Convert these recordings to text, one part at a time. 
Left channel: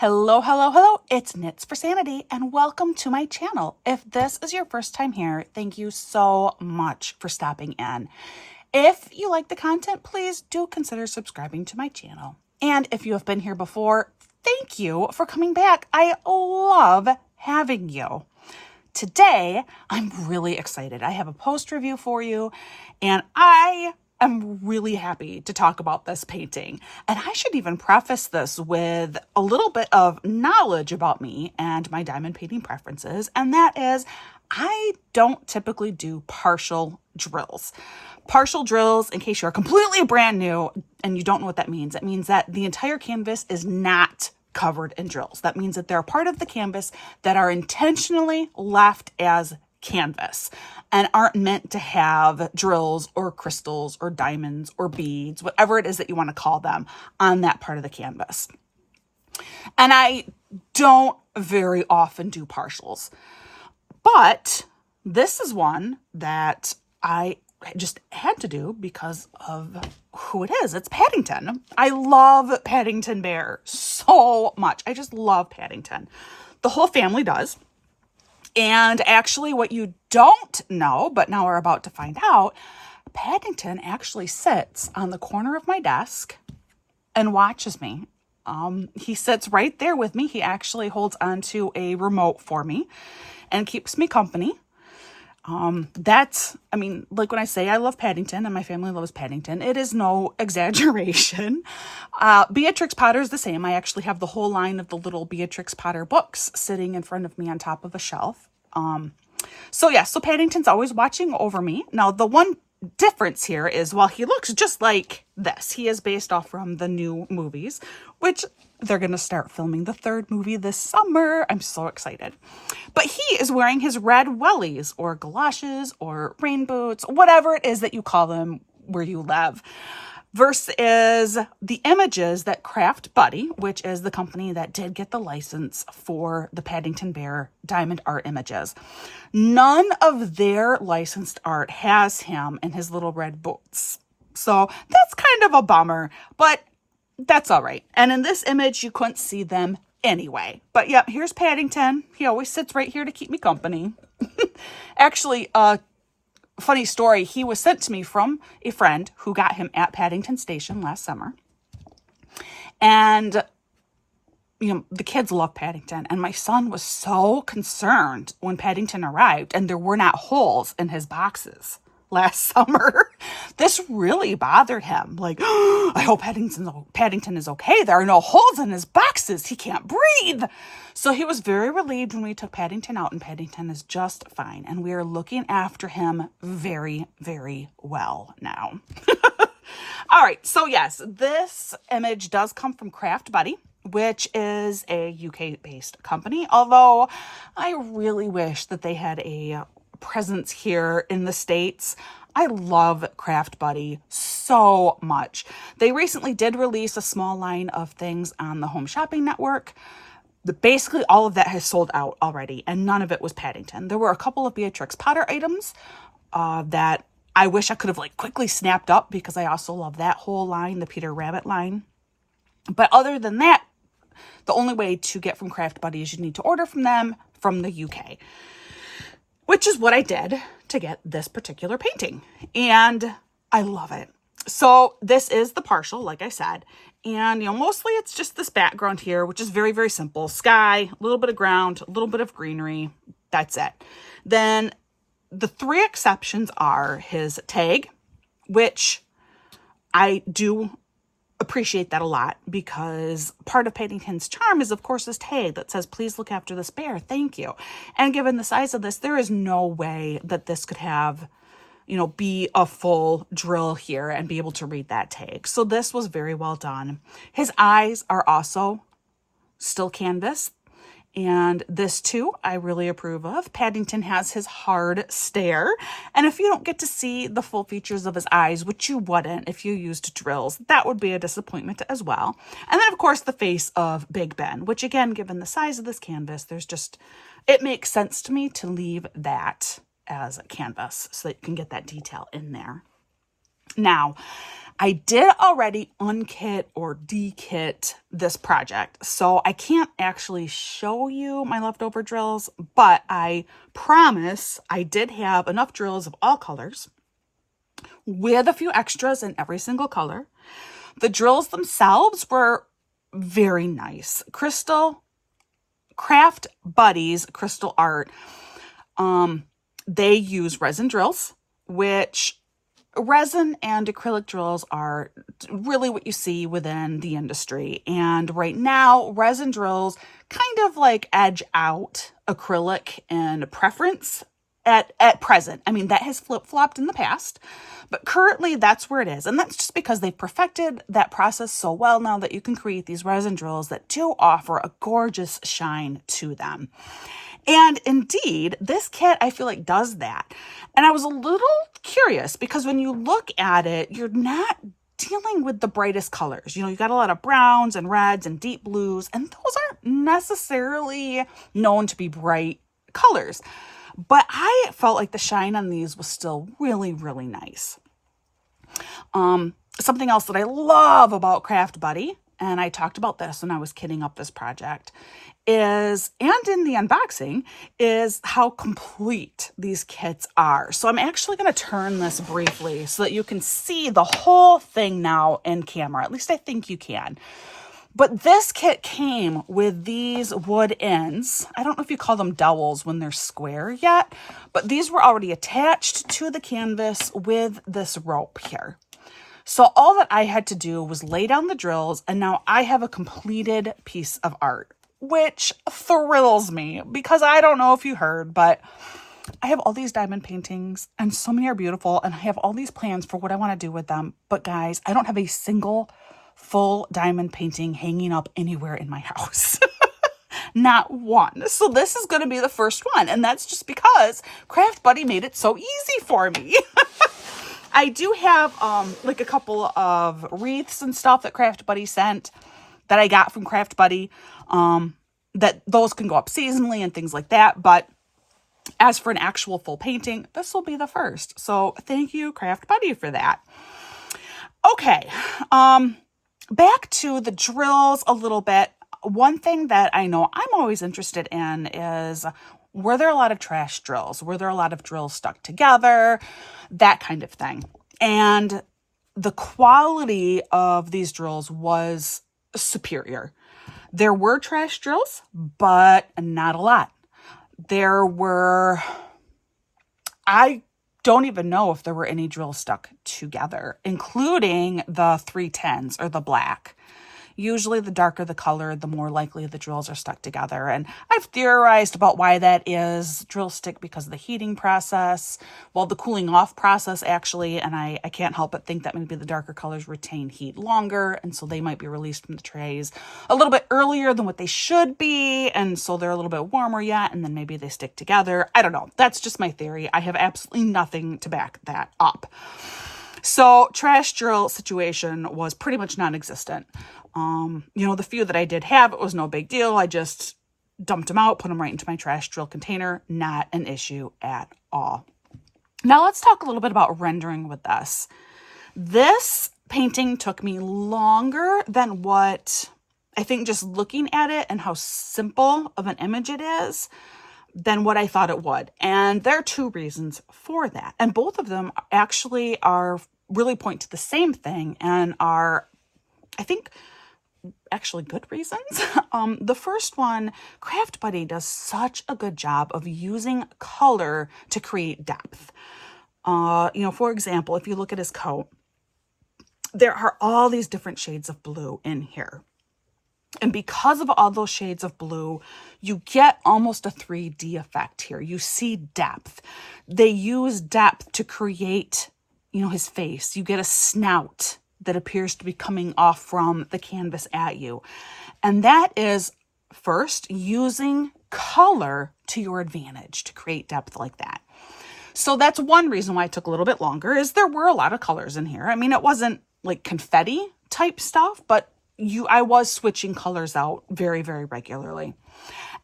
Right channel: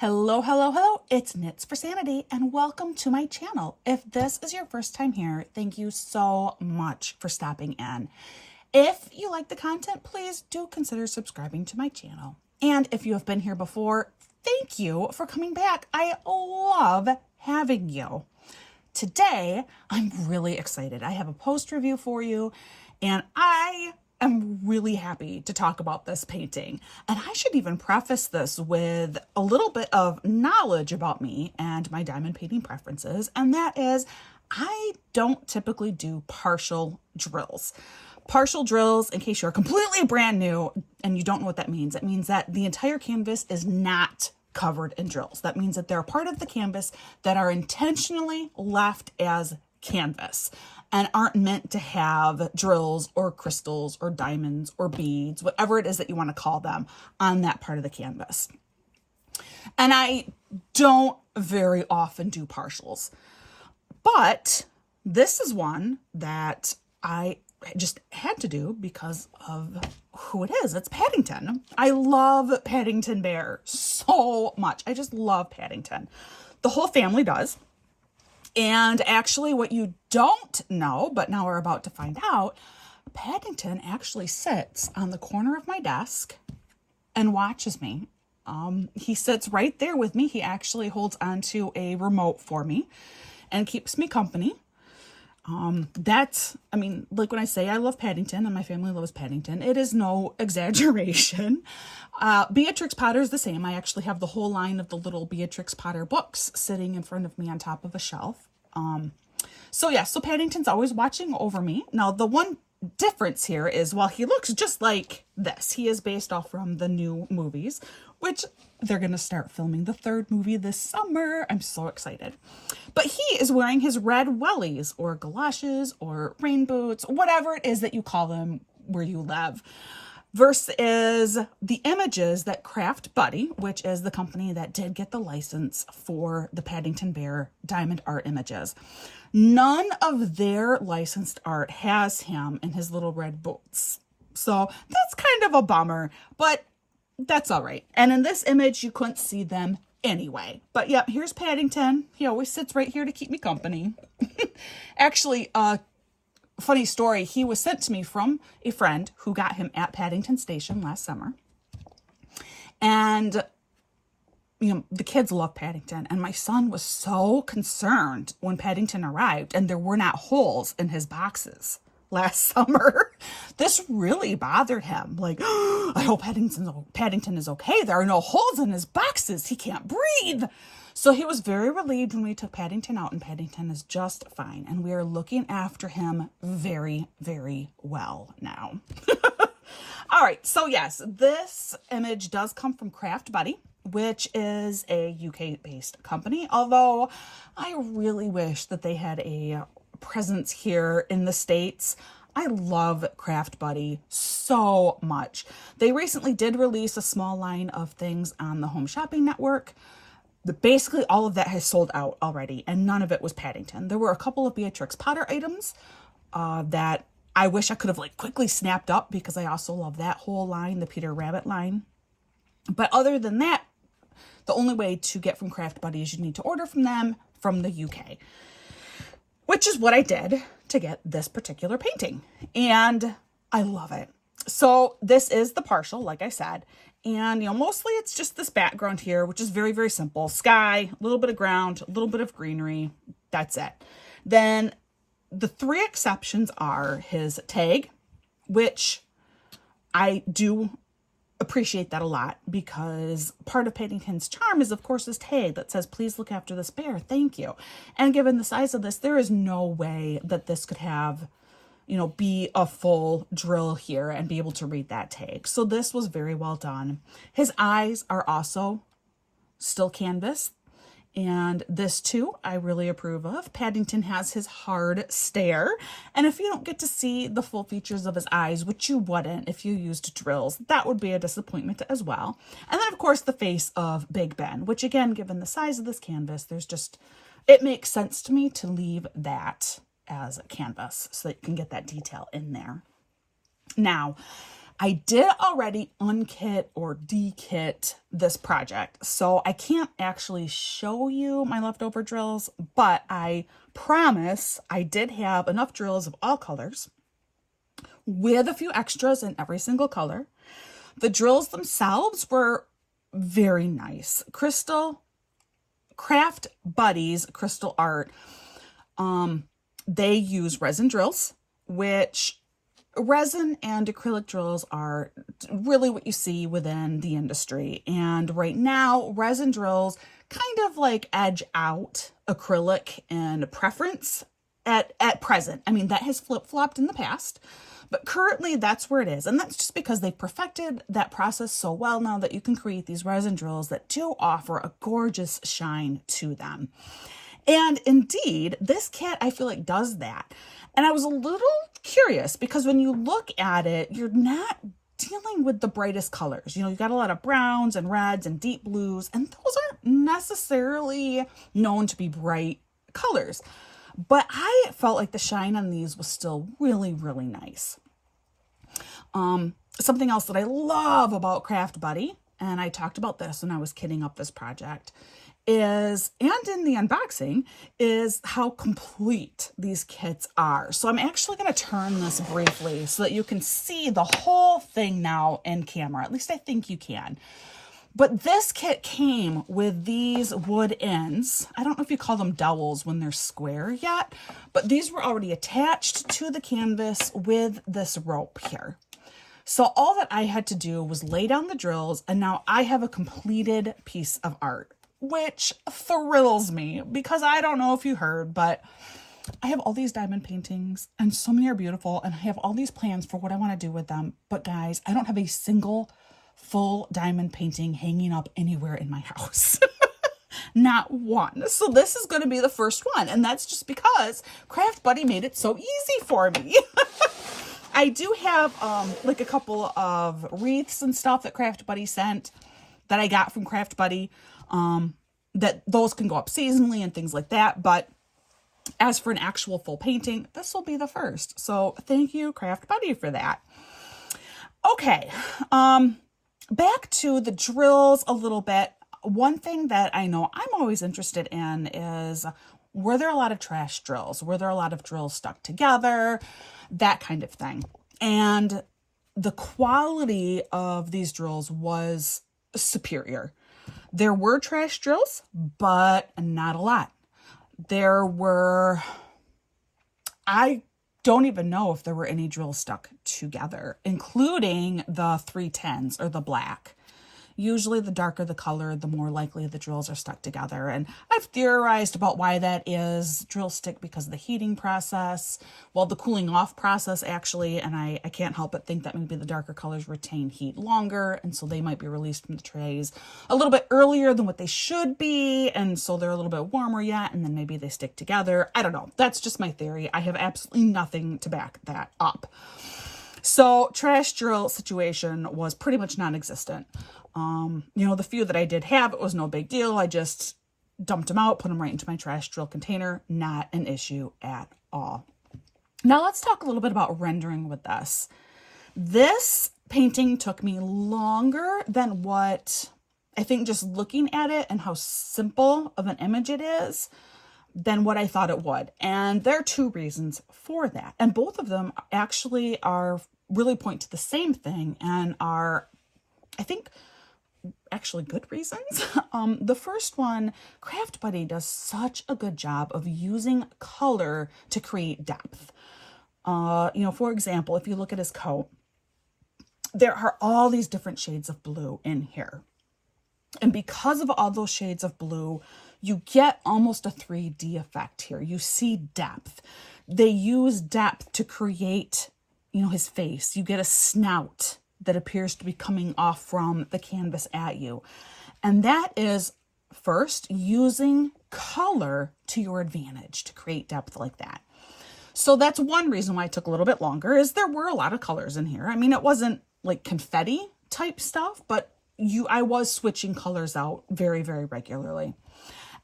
Hello, hello, hello. It's Knits for Sanity and welcome to my channel. If this is your first time here, thank you so much for stopping in. If you like the content, please do consider subscribing to my channel. And if you have been here before, thank you for coming back. I love having you. Today, I'm really excited. I have a post review for you and I'm really happy to talk about this painting. And I should even preface this with a little bit of knowledge about me and my diamond painting preferences. And that is, I don't typically do partial drills. Partial drills, in case you're completely brand new and you don't know what that means, it means that the entire canvas is not covered in drills. That means that they're part of the canvas that are intentionally left as canvas and aren't meant to have drills or crystals or diamonds or beads, whatever it is that you want to call them, on that part of the canvas. And I don't very often do partials, but this is one that I just had to do because of who it is. It's Paddington. I love Paddington Bear so much. I just love Paddington. The whole family does. And actually, what you don't know, but now we're about to find out, Paddington actually sits on the corner of my desk and watches me. He sits right there with me. He actually holds onto a remote for me and keeps me company. Like when I say I love Paddington and my family loves Paddington, it is no exaggeration. Beatrix Potter is the same. I actually have the whole line of the little Beatrix Potter books sitting in front of me on top of a shelf. So Paddington's always watching over me. Now, the one difference here is, while he looks just like this, he is based off from the new movies, which they're going to start filming the third movie this summer. I'm so excited. But he is wearing his red wellies or galoshes or rain boots, whatever it is that you call them where you live, versus the images that Craft Buddy, which is the company that did get the license for the Paddington Bear diamond art images. None of their licensed art has him in his little red boots. So that's kind of a bummer, but that's all right. And in this image, you couldn't see them anyway. But yeah, here's Paddington. He always sits right here to keep me company. Actually, funny story, he was sent to me from a friend who got him at Paddington Station last summer. And, the kids love Paddington. And my son was so concerned when Paddington arrived and there were not holes in his boxes last summer. This really bothered him. Like, oh, I hope Paddington is okay. There are no holes in his boxes. He can't breathe. So he was very relieved when we took Paddington out, and Paddington is just fine. And we are looking after him very, very well now. All right. So yes, this image does come from Craft Buddy, which is a UK-based company. Although I really wish that they had a presence here in the States. I love Craft Buddy so much. They recently did release a small line of things on the Home Shopping Network. Basically, all of that has sold out already, and none of it was Paddington. There were a couple of Beatrix Potter items that I wish I could have quickly snapped up, because I also love that whole line, the Peter Rabbit line. But other than that, the only way to get from Craft Buddy is you need to order from them from the UK, which is what I did to get this particular painting. And I love it. So this is the partial, like I said. And, mostly it's just this background here, which is very, very simple. Sky, a little bit of ground, a little bit of greenery. That's it. Then the three exceptions are his tag, which I do appreciate that a lot, because part of Paddington's charm is, of course, this tag that says, please look after this bear. Thank you. And given the size of this, there is no way that this could have, be a full drill here and be able to read that tag. So this was very well done. His eyes are also still canvas. And this too, I really approve of. Paddington has his hard stare. And if you don't get to see the full features of his eyes, which you wouldn't if you used drills, that would be a disappointment as well. And then, of course, the face of Big Ben, which again, given the size of this canvas, it makes sense to me to leave that as a canvas so that you can get that detail in there. Now, I did already unkit or dekit this project, so I can't actually show you my leftover drills, but I promise I did have enough drills of all colors with a few extras in every single color. The drills themselves were very nice. Craft Buddies Crystal Art, they use resin drills, which resin and acrylic drills are really what you see within the industry. And right now, resin drills kind of like edge out acrylic in preference at present. I mean, that has flip-flopped in the past, but currently that's where it is. And that's just because they've perfected that process so well now that you can create these resin drills that do offer a gorgeous shine to them. And indeed, this kit, I feel like, does that. And I was a little curious because when you look at it, you're not dealing with the brightest colors. You got a lot of browns and reds and deep blues, and those aren't necessarily known to be bright colors. But I felt like the shine on these was still really, really nice. Something else that I love about Craft Buddy, and I talked about this when I was kitting up this project, and in the unboxing, is how complete these kits are. So I'm actually going to turn this briefly so that you can see the whole thing now in camera. At least I think you can. But this kit came with these wood ends. I don't know if you call them dowels when they're square yet, but these were already attached to the canvas with this rope here. So all that I had to do was lay down the drills, and now I have a completed piece of art, which thrills me because I don't know if you heard, but I have all these diamond paintings and so many are beautiful, and I have all these plans for what I want to do with them. But guys, I don't have a single full diamond painting hanging up anywhere in my house. Not one. So this is going to be the first one. And that's just because Craft Buddy made it so easy for me. I do have like a couple of wreaths and stuff that Craft Buddy sent that I got from Craft Buddy. That those can go up seasonally and things like that. But as for an actual full painting, this will be the first. So thank you, Craft Buddy, for that. Okay. Back to the drills a little bit. One thing that I know I'm always interested in is, were there a lot of trash drills? Were there a lot of drills stuck together? That kind of thing. And the quality of these drills was superior. There were trash drills, but not a lot. I don't even know if there were any drills stuck together, including the 310s or the black. Usually the darker the color, the more likely the drills are stuck together. And I've theorized about why that is. Drills stick because of the heating process, the cooling off process actually, and I can't help but think that maybe the darker colors retain heat longer, and so they might be released from the trays a little bit earlier than what they should be, and so they're a little bit warmer yet, and then maybe they stick together. I don't know. That's just my theory. I have absolutely nothing to back that up. So trash drill situation was pretty much non-existent. The few that I did have, it was no big deal. I just dumped them out, put them right into my trash drill container. Not an issue at all. Now let's talk a little bit about rendering with this. This painting took me longer than what I think, just looking at it and how simple of an image it is, than what I thought it would. And there are two reasons for that. And both of them actually really point to the same thing and are, I think, actually good reasons. The first one, Craft Buddy does such a good job of using color to create depth. For example, if you look at his coat, there are all these different shades of blue in here. And because of all those shades of blue, you get almost a 3D effect here. You see depth. They use depth to create, his face. You get a snout that appears to be coming off from the canvas at you. And that is, first, using color to your advantage to create depth like that. So that's one reason why it took a little bit longer, is there were a lot of colors in here. I mean, it wasn't like confetti type stuff, but I was switching colors out very, very regularly.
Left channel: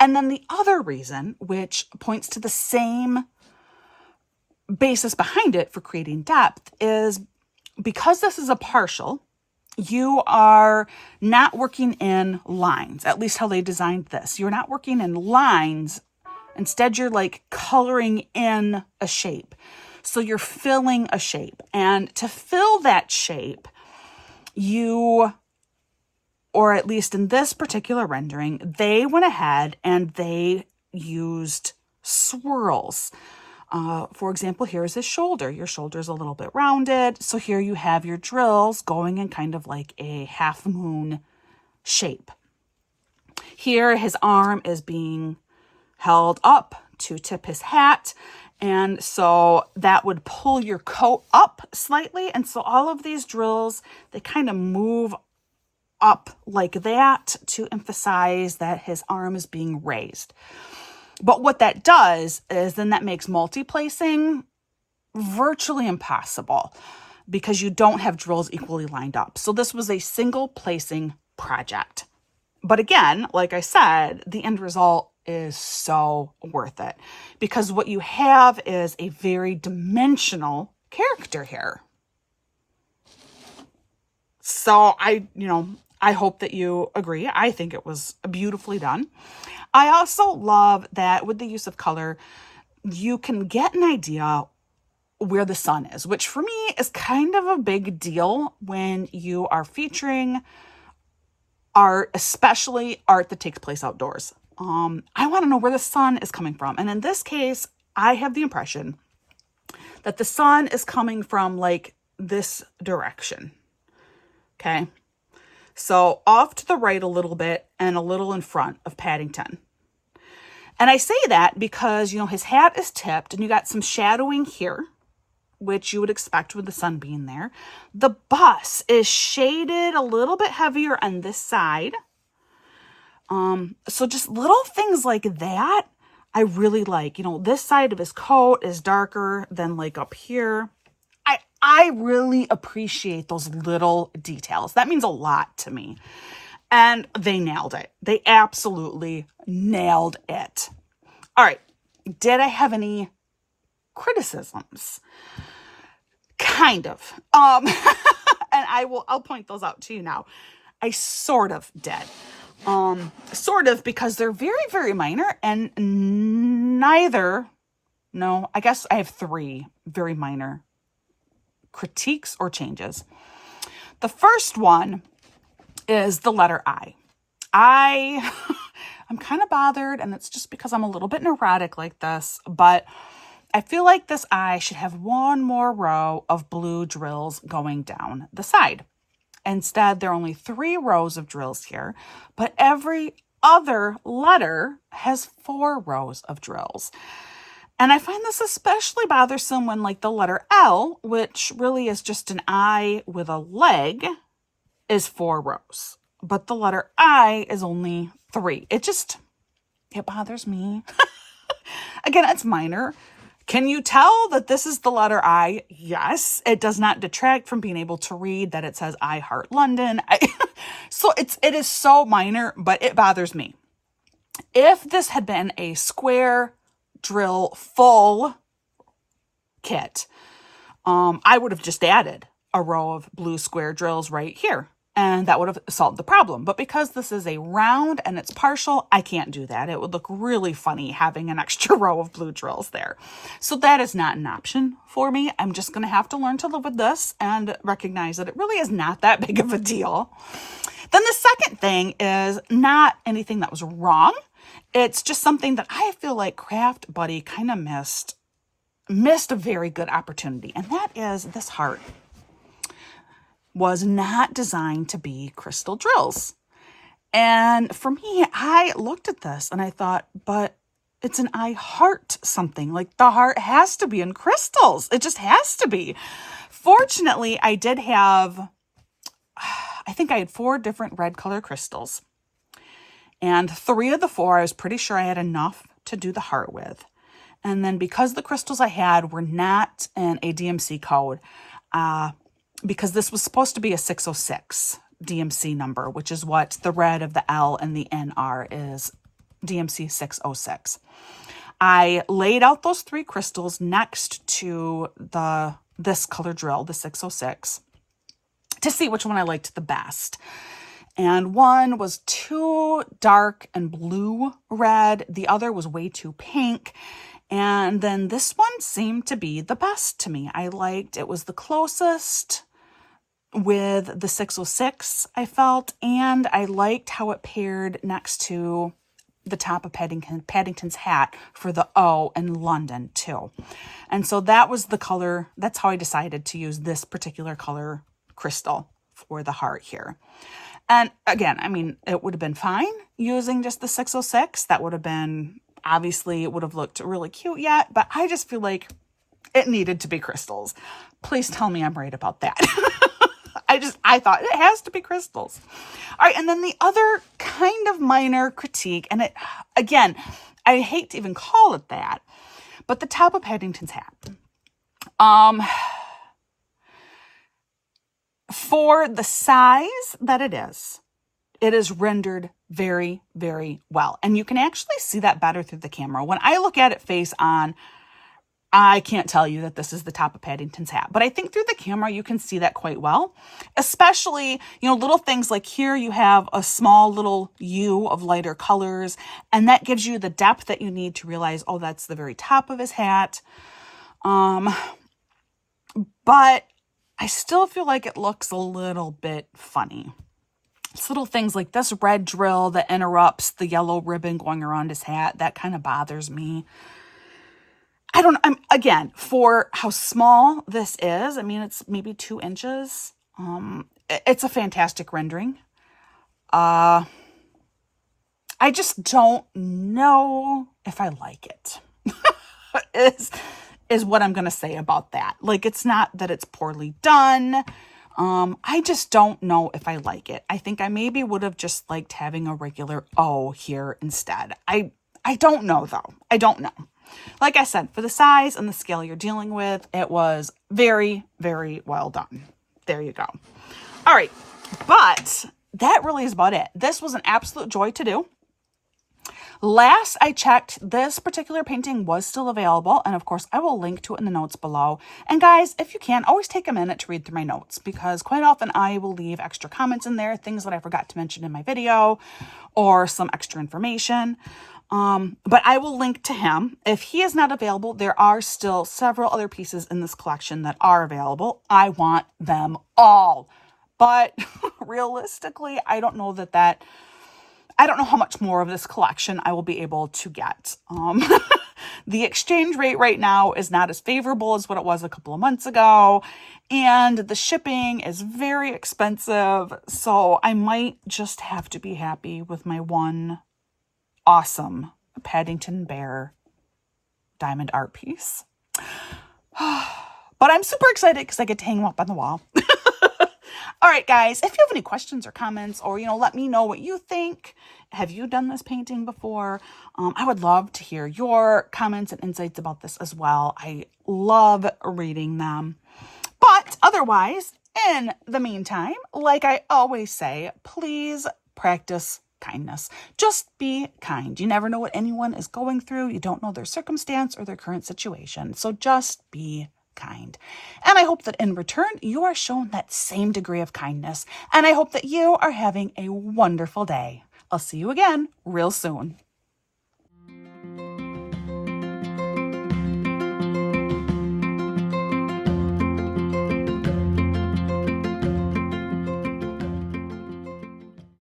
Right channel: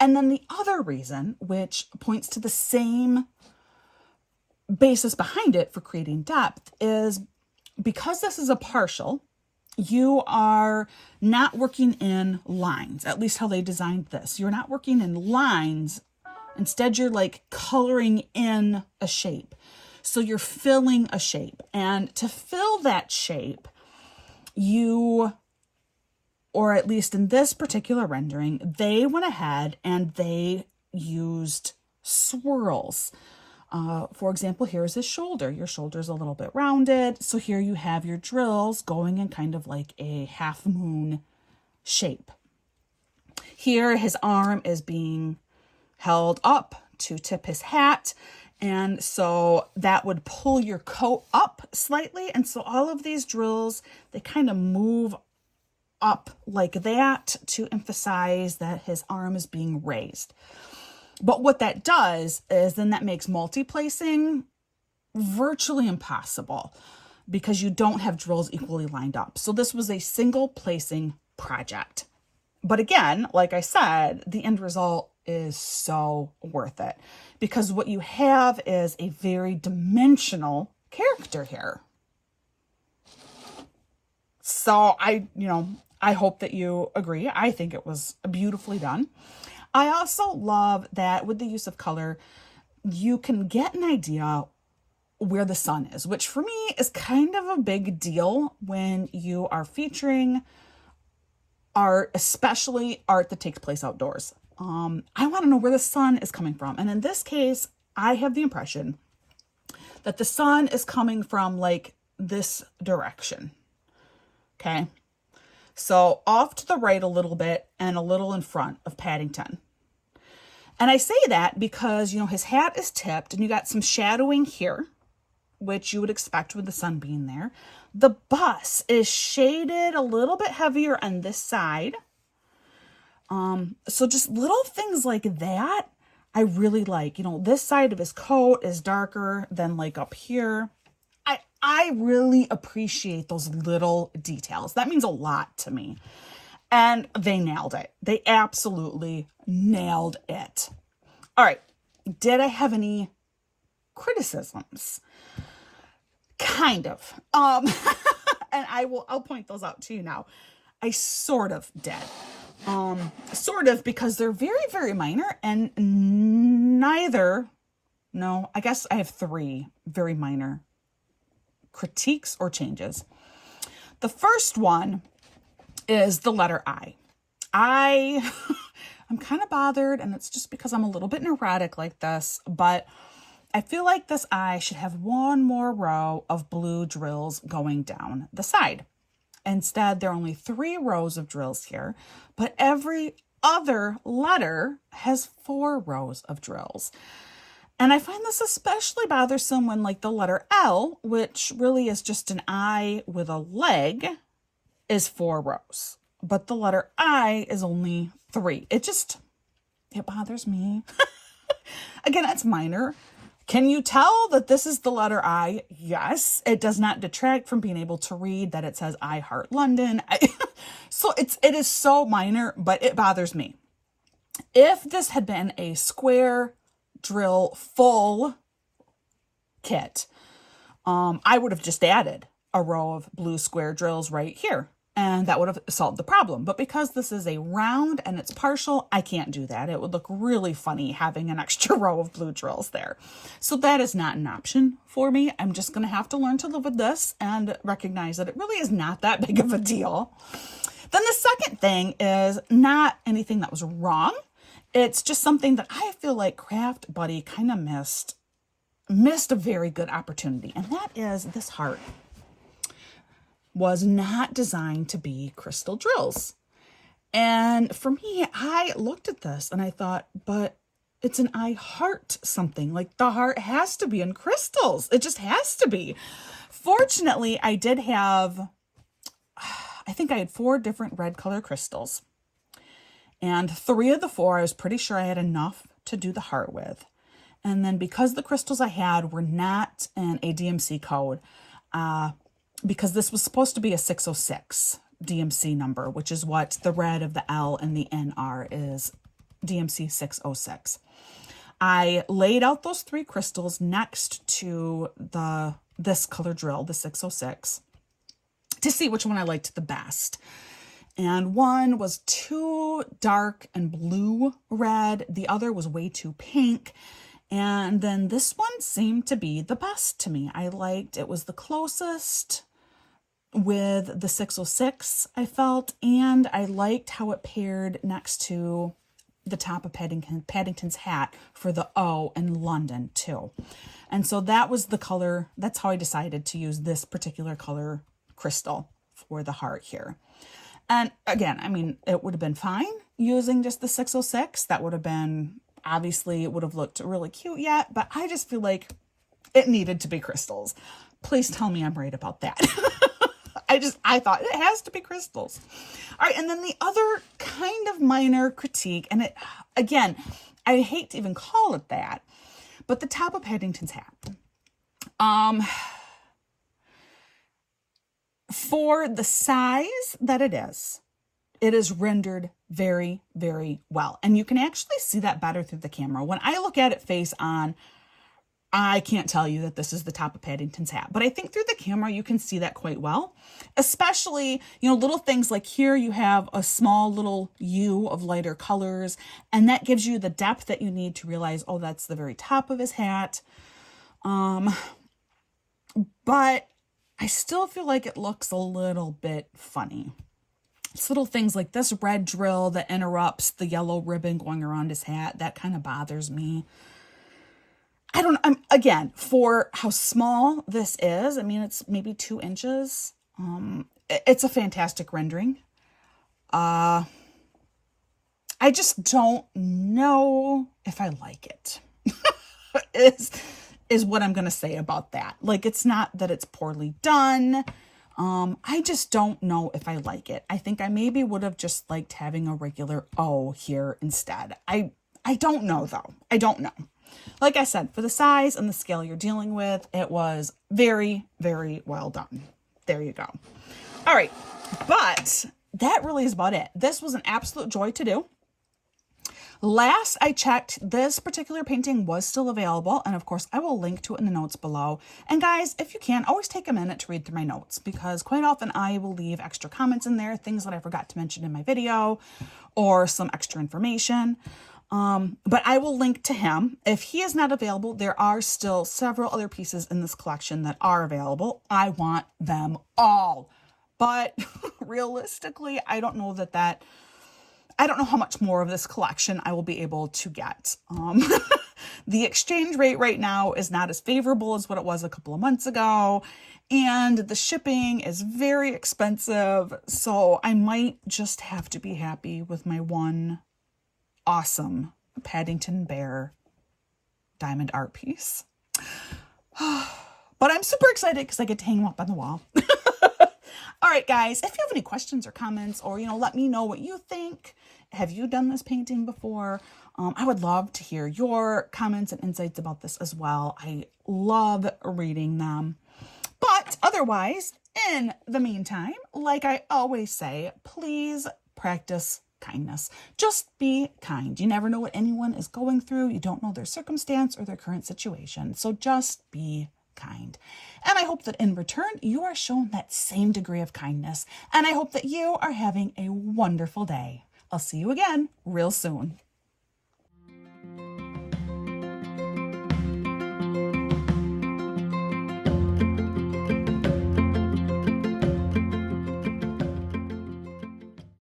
And then the other reason, which points to the same basis behind it for creating depth, is because this is a partial, you are not working in lines, at least how they designed this. You're not working in lines. Instead, you're like coloring in a shape. So you're filling a shape. And to fill that shape, or at least in this particular rendering, they went ahead and they used swirls. For example, here's his shoulder. Your shoulder's a little bit rounded. So here you have your drills going in kind of like a half moon shape. Here, his arm is being held up to tip his hat. And so that would pull your coat up slightly. And so all of these drills, they kind of move up like that to emphasize that his arm is being raised. But what that does is then that makes multi-placing virtually impossible because you don't have drills equally lined up. So this was a single placing project. But again, like I said, the end result is so worth it because what you have is a very dimensional character here. So I hope that you agree. I think it was beautifully done. I also love that with the use of color, you can get an idea where the sun is, which for me is kind of a big deal when you are featuring art, especially art that takes place outdoors. I want to know where the sun is coming from. And in this case, I have the impression that the sun is coming from like this direction. Okay. So off to the right a little bit and a little in front of Paddington. And I say that because, his hat is tipped and you got some shadowing here, which you would expect with the sun being there. The bus is shaded a little bit heavier on this side. So just little things like that, I really like. This side of his coat is darker than like up here. I really appreciate those little details. That means a lot to me. And they nailed it. They absolutely nailed it. All right. Did I have any criticisms? Kind of. And I'll point those out to you now. I sort of did. Sort of because they're very, very minor and I guess I have 3 very minor critiques or changes. The first one is the letter I. I'm kind of bothered, and it's just because I'm a little bit neurotic like this, but I feel like this I should have one more row of blue drills going down the side. Instead, there are only 3 rows of drills here, but every other letter has 4 rows of drills. And I find this especially bothersome when like the letter L, which really is just an I with a leg, is 4 rows. But the letter I is only 3. It bothers me. Again, it's minor. Can you tell that this is the letter I? Yes. It does not detract from being able to read that it says I Heart London. So it is so minor, but it bothers me. If this had been a square drill full kit, I would have just added a row of blue square drills right here, and that would have solved the problem. But because this is a round and it's partial, I can't do that. It would look really funny having an extra row of blue drills there. So that is not an option for me. I'm just going to have to learn to live with this and recognize that it really is not that big of a deal. Then the second thing is not anything that was wrong. It's just something that I feel like Craft Buddy kind of missed a very good opportunity. And that is this heart was not designed to be crystal drills. And for me, I looked at this and I thought, but it's an I heart something. Like the heart has to be in crystals. It just has to be. Fortunately, I had 4 different red color crystals. And 3 of the 4, I was pretty sure I had enough to do the heart with. And then because the crystals I had were not in a DMC code, because this was supposed to be a 606 DMC number, which is what the red of the L and the N are, is DMC 606. I laid out those 3 crystals next to this color drill, the 606. to see which one I liked the best. And one was too dark and blue red. The other was way too pink. And then this one seemed to be the best to me. I liked it was the closest with the 606, I felt, and I liked how it paired next to the top of Paddington's hat for the O in London too. And so that was the color. That's how I decided to use this particular color crystal for the heart here. And again, I mean, it would have been fine using just the 606. That would have been, obviously, it would have looked really cute yet, but I just feel like it needed to be crystals. Please tell me I'm right about that. I thought it has to be crystals. All right. And then the other kind of minor critique, and it, again, I hate to even call it that, but the top of Paddington's hat. For the size that it is rendered very, very well. And you can actually see that better through the camera. When I look at it face on, I can't tell you that this is the top of Paddington's hat, but I think through the camera, you can see that quite well, especially, little things like here you have a small little U of lighter colors, and that gives you the depth that you need to realize, oh, that's the very top of his hat. But I still feel like it looks a little bit funny. It's little things like this red drill that interrupts the yellow ribbon going around his hat. That kind of bothers me. I don't know. Again, for how small this is, I mean, it's maybe 2 inches. It's a fantastic rendering. I just don't know if I like it. Is what I'm going to say about that. Like, it's not that it's poorly done. I just don't know if I like it. I think I maybe would have just liked having a regular O here instead. I don't know though. I don't know. Like I said, for the size and the scale you're dealing with, it was very, very well done. There you go. All right. But that really is about it. This was an absolute joy to do. Last I checked, this particular painting was still available. And of course, I will link to it in the notes below. And guys, if you can, always take a minute to read through my notes, because quite often I will leave extra comments in there, things that I forgot to mention in my video, or some extra information. But I will link to him. If he is not available, there are still several other pieces in this collection that are available. I want them all. But realistically, I don't know I don't know how much more of this collection I will be able to get. The exchange rate right now is not as favorable as what it was a couple of months ago. And the shipping is very expensive. So I might just have to be happy with my one awesome Paddington Bear diamond art piece. But I'm super excited because I get to hang them up on the wall. All right, guys, if you have any questions or comments, or, let me know what you think. Have you done this painting before? I would love to hear your comments and insights about this as well. I love reading them. But otherwise, in the meantime, like I always say, please practice kindness. Just be kind. You never know what anyone is going through. You don't know their circumstance or their current situation. So just be kind. And I hope that in return, you are shown that same degree of kindness. And I hope that you are having a wonderful day. I'll see you again real soon.